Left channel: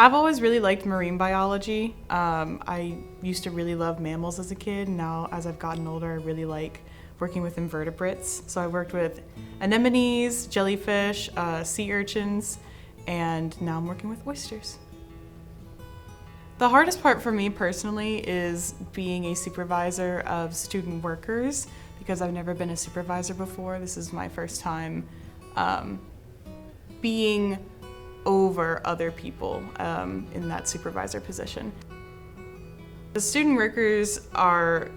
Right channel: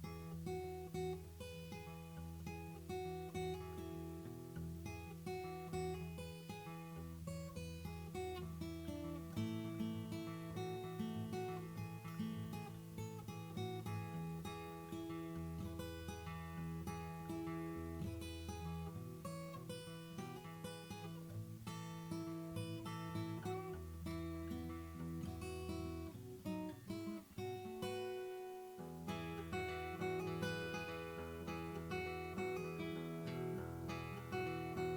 I've always really liked marine biology. I used to really love mammals as a kid, and now as I've gotten older, I really like working with invertebrates. So I worked with anemones, jellyfish, sea urchins, and now I'm working with oysters. The hardest part for me personally is being a supervisor of student workers because I've never been a supervisor before. This is my first time being over other people in that supervisor position. The student workers are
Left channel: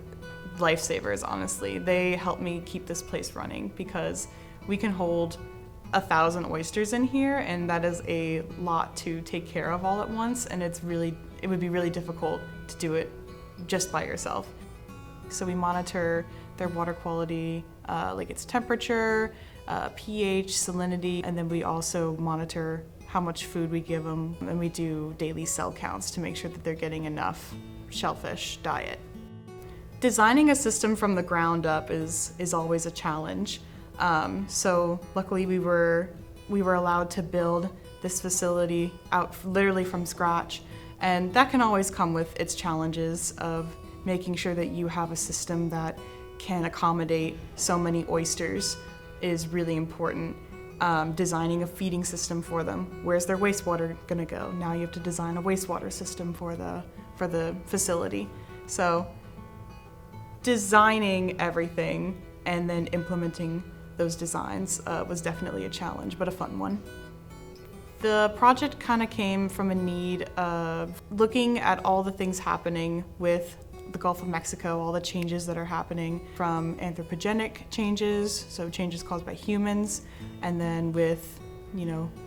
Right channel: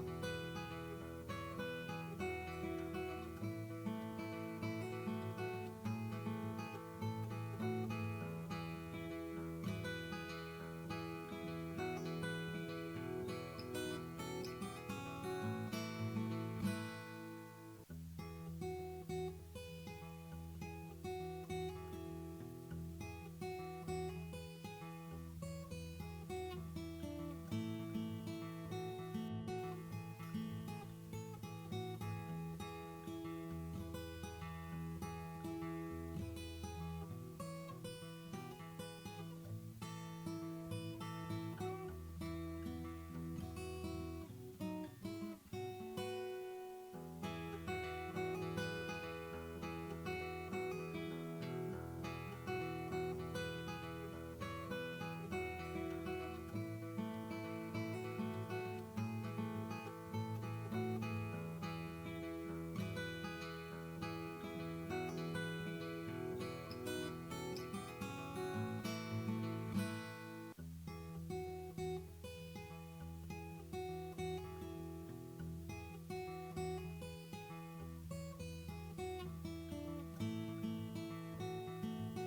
lifesavers, honestly. They help me keep this place running because we can hold 1,000 oysters in here, and that is a lot to take care of all at once, and it would be really difficult to do it just by yourself. So we monitor their water quality, like its temperature, pH, salinity, and then we also monitor how much food we give them, and we do daily cell counts to make sure that they're getting enough shellfish diet. Designing a system from the ground up is always a challenge. So luckily we were allowed to build this facility out literally from scratch, and that can always come with its challenges of making sure that you have a system that can accommodate so many oysters is really important. Designing a feeding system for them. Where's their wastewater gonna go? Now you have to design a wastewater system for the facility. So designing everything and then implementing those designs was definitely a challenge, but a fun one. The project kind of came from a need of looking at all the things happening with the Gulf of Mexico, all the changes that are happening from anthropogenic changes, so changes caused by humans, and then with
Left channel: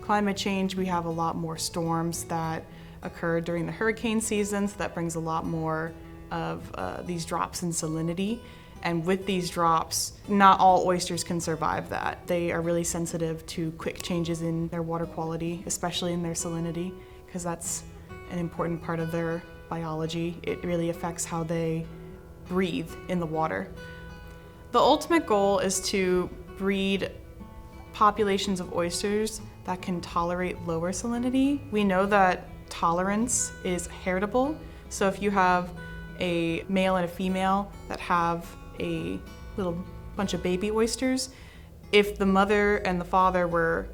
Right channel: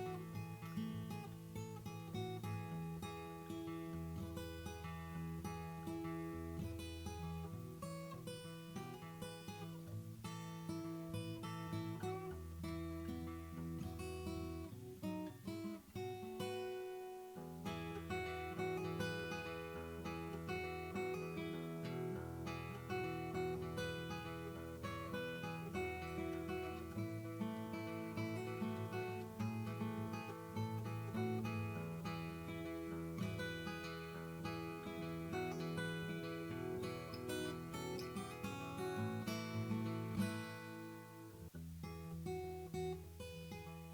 climate change, we have a lot more storms that occur during the hurricane season, so that brings a lot more of these drops in salinity. And with these drops, not all oysters can survive that. They are really sensitive to quick changes in their water quality, especially in their salinity, because that's an important part of their biology. It really affects how they breathe in the water. The ultimate goal is to breed populations of oysters that can tolerate lower salinity. We know that tolerance is heritable, so if you have a male and a female that have a little bunch of baby oysters, if the mother and the father were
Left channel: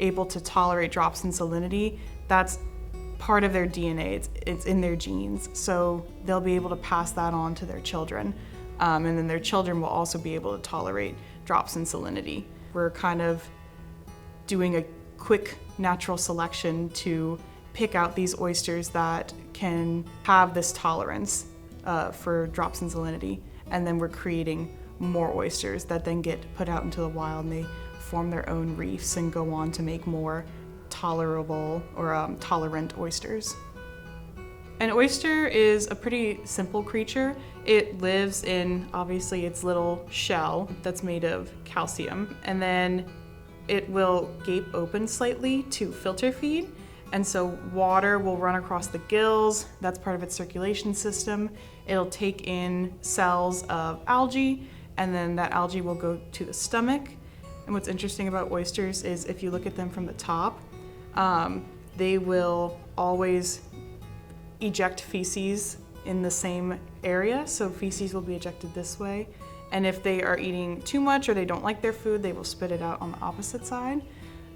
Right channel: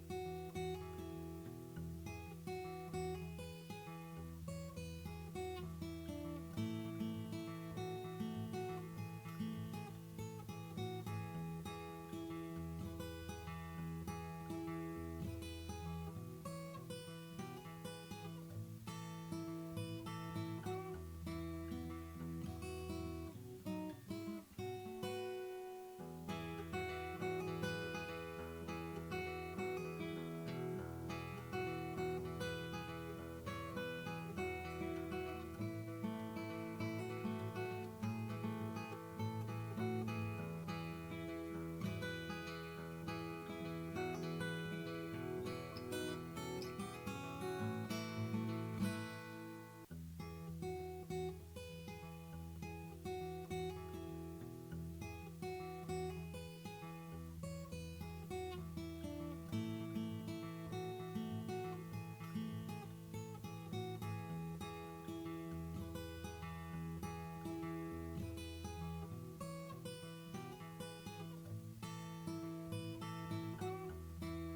able to tolerate drops in salinity, that's part of their DNA, it's in their genes, so they'll be able to pass that on to their children, and then their children will also be able to tolerate drops in salinity. We're kind of doing a quick natural selection to pick out these oysters that can have this tolerance for drops in salinity, and then we're creating more oysters that then get put out into the wild, and they form their own reefs and go on to make more tolerable or tolerant oysters. An oyster is a pretty simple creature. It lives in, obviously, its little shell that's made of calcium, and then it will gape open slightly to filter feed, and so water will run across the gills. That's part of its circulation system. It'll take in cells of algae, and then that algae will go to the stomach. And what's interesting about oysters is if you look at them from the top, they will always eject feces in the same area, so feces will be ejected this way. And if they are eating too much or they don't like their food, they will spit it out on the opposite side.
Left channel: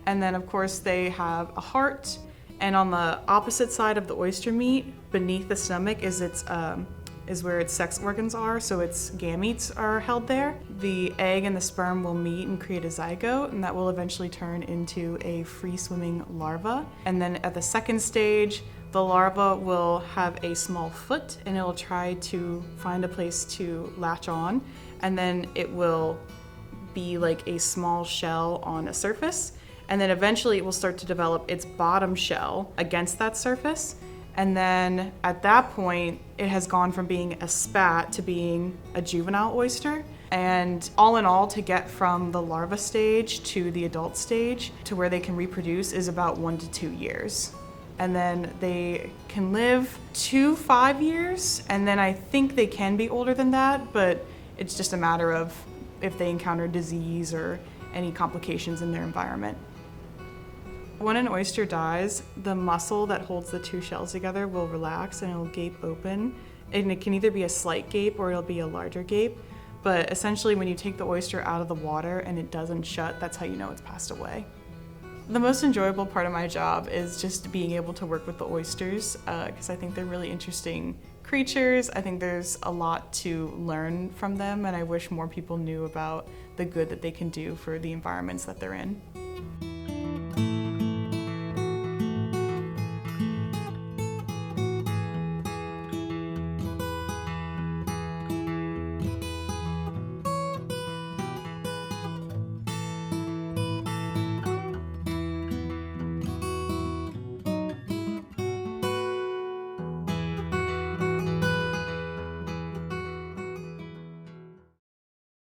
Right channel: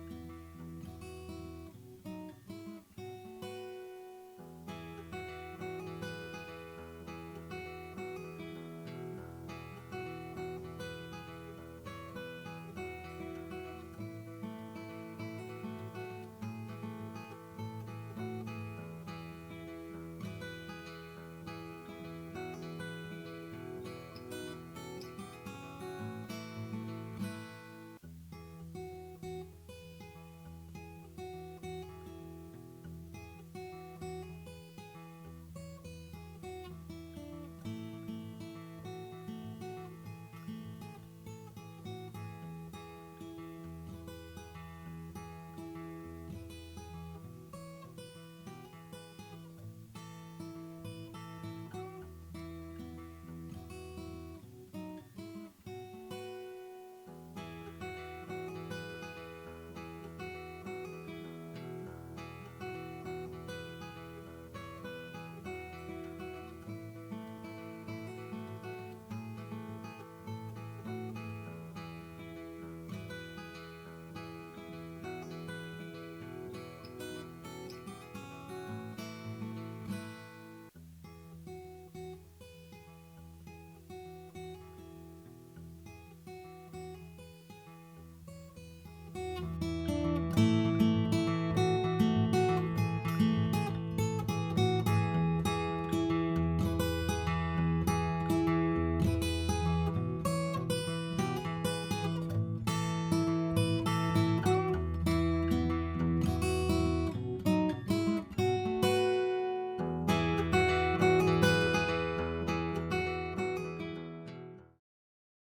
And then of course they have a heart, and on the opposite side of the oyster meat, beneath the stomach is where its sex organs are, so its gametes are held there. The egg and the sperm will meet and create a zygote, and that will eventually turn into a free-swimming larva. And then at the second stage, the larva will have a small foot, and it will try to find a place to latch on, and then it will be like a small shell on a surface, and then eventually it will start to develop its bottom shell against that surface. And then at that point, it has gone from being a spat to being a juvenile oyster. And all in all, to get from the larva stage to the adult stage to where they can reproduce is about 1 to 2 years. And then they can live to 5 years, and then I think they can be older than that, but it's just a matter of if they encounter disease or any complications in their environment. When an oyster dies, the muscle that holds the two shells together will relax and it'll gape open. And it can either be a slight gape or it'll be a larger gape. But essentially, when you take the oyster out of the water and it doesn't shut, that's how you know it's passed away. The most enjoyable part of my job is just being able to work with the oysters, because I think they're really interesting creatures. I think there's a lot to learn from them, and I wish more people knew about the good that they can do for the environments that they're in.